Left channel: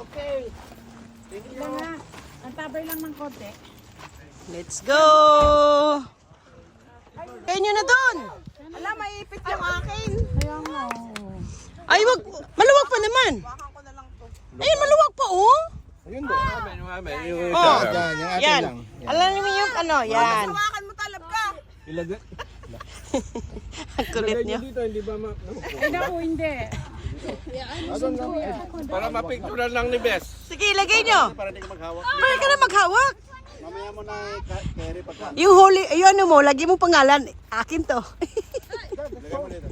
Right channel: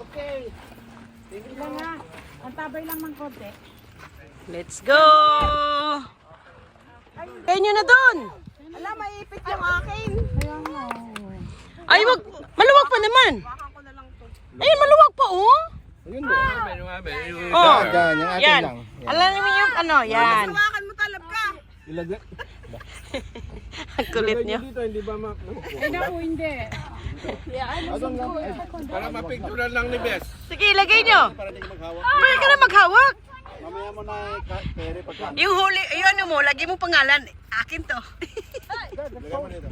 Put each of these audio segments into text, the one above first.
Okay. Lang nga. Ang tabay lang ng konti. Let's go! Kayo nyo na doon! Alam, maipit yung akin. Kaya nga. Ay, wag, maluwag pa naman. Ay, maluwag pa, oh. Ayun do. Oh, Yan, yung atin yan. lang. Alam niyo yung ano, yan. Hawakan mo talaga. Ilagay. Ang kulit niyo. Dito, hindi ba Ay, naku, hindi. para mapicturean lang ni Bes. Sige, ilagay nyo. Para hindi ka maghawak. Pwede ka na maghawak. Mamaya mo na carry pagka. Yung holy, yung ano mo, lagi mong pangalan. Akin to. Lagay mo dito.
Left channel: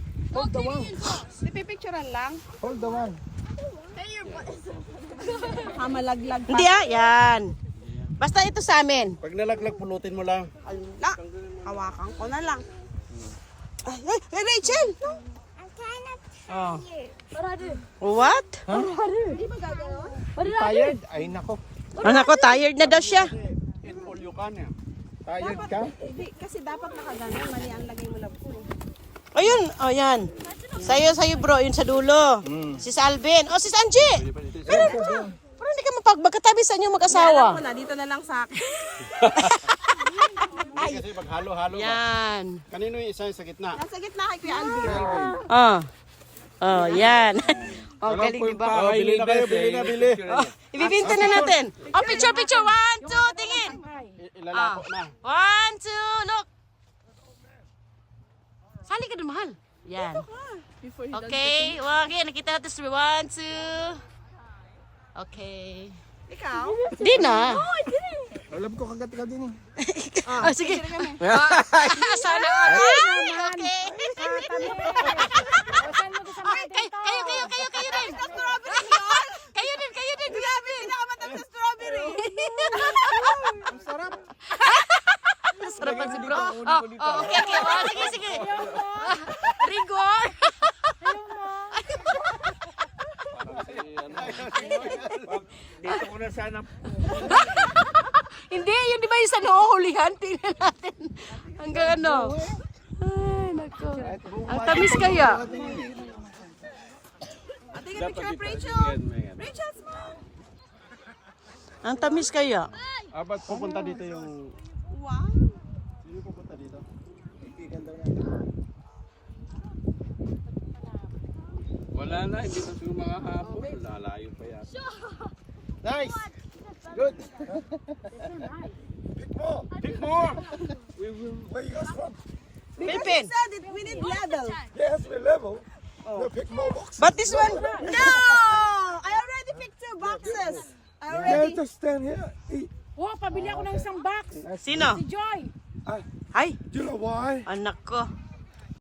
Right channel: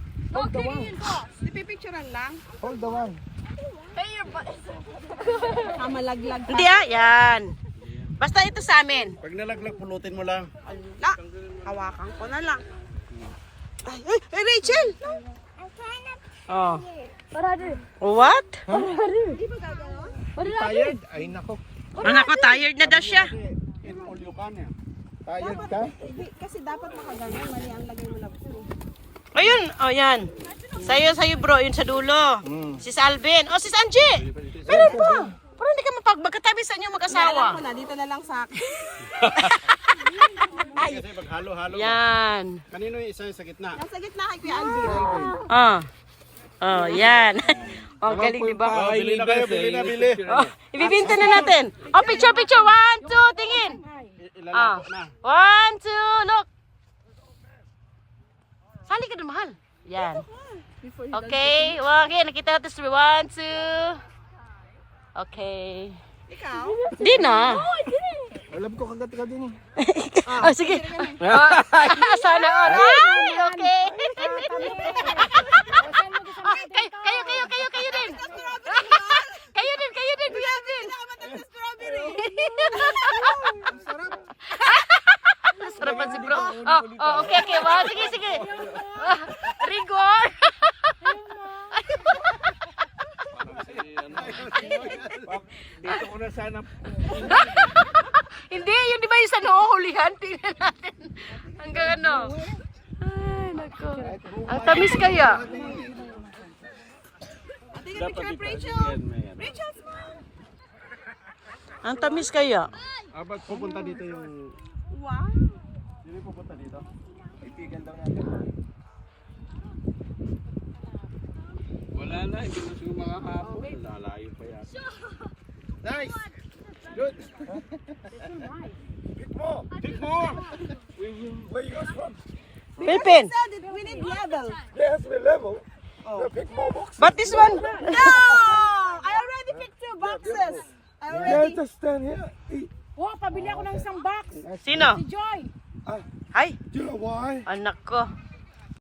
Ipipicturean lang. Hold the one. Baka malaglag pa. Hindi yan. Basta ito sa amin. Pag nalaglag, pulutin mo lang. La, hawakan ko na lang. Ay, Rachel! Oh. What? Tired? Ay nako. Ano ko, tired na daw siya. In all you can eh. Tired ka? Kasi dapat nakaganon. Mali ang lagay mo lang po. Ayun, oh yan. Sa'yo bro, yun sa dulo. Si Alvin. Oh, si Angie. Meron pa. Parang hindi ka magkatabi sa inyo mag-asawa. Alam ko na, dito na lang sa akin. Kasi pag halo-halo. Yan. Kanino yung isa yung sa gitna? Nasa gitna kay Kuya Alvin. Oh. Oh, yan. Oh, galing, di ba? Bili na kayo, bili na, bili. Oh, ibibinta na natin. Oh, picture. 1, 2, tingin. Ah. 1, 2, look. Sali ka dun, mahal. Yan. Okay. Okay, nakita natin sa 1, 2. Okay. Ikaw? Di na. Alam ko kagat ka din eh. Oh, sige. Oh, sana all. Ay, okay. Kayo din. Kayo din, Kuya Alvin. Pinakamatapos strawberry. Sarapan si bro. Oh, okay. Oh, sige. Rigor. Dito ko na sana. Hindi, yun di ba yung sa noohulihan? Tingnan natin. Hanggang ano. Ay, nako. Ang tamis kaya. Ate, yung picture of Rachel. Rachel, smile. Ang tamis kaya. Ba't pupunta dito yung... Wow. Sino pupunta dito? Wala na, hindi na siya makakapon. Lalayo pa yan. Nice! Good! Pick more! Where you guys from? Pilipin. Said it, we need level. Yes, we level. We'll pick more boxes. But this one. No! I already picked 2 boxes. I already. Just stand here. Eat. Oh, pabili ako ng isang box. Sino? Si Joy. Ay, Do you know why? anak ko.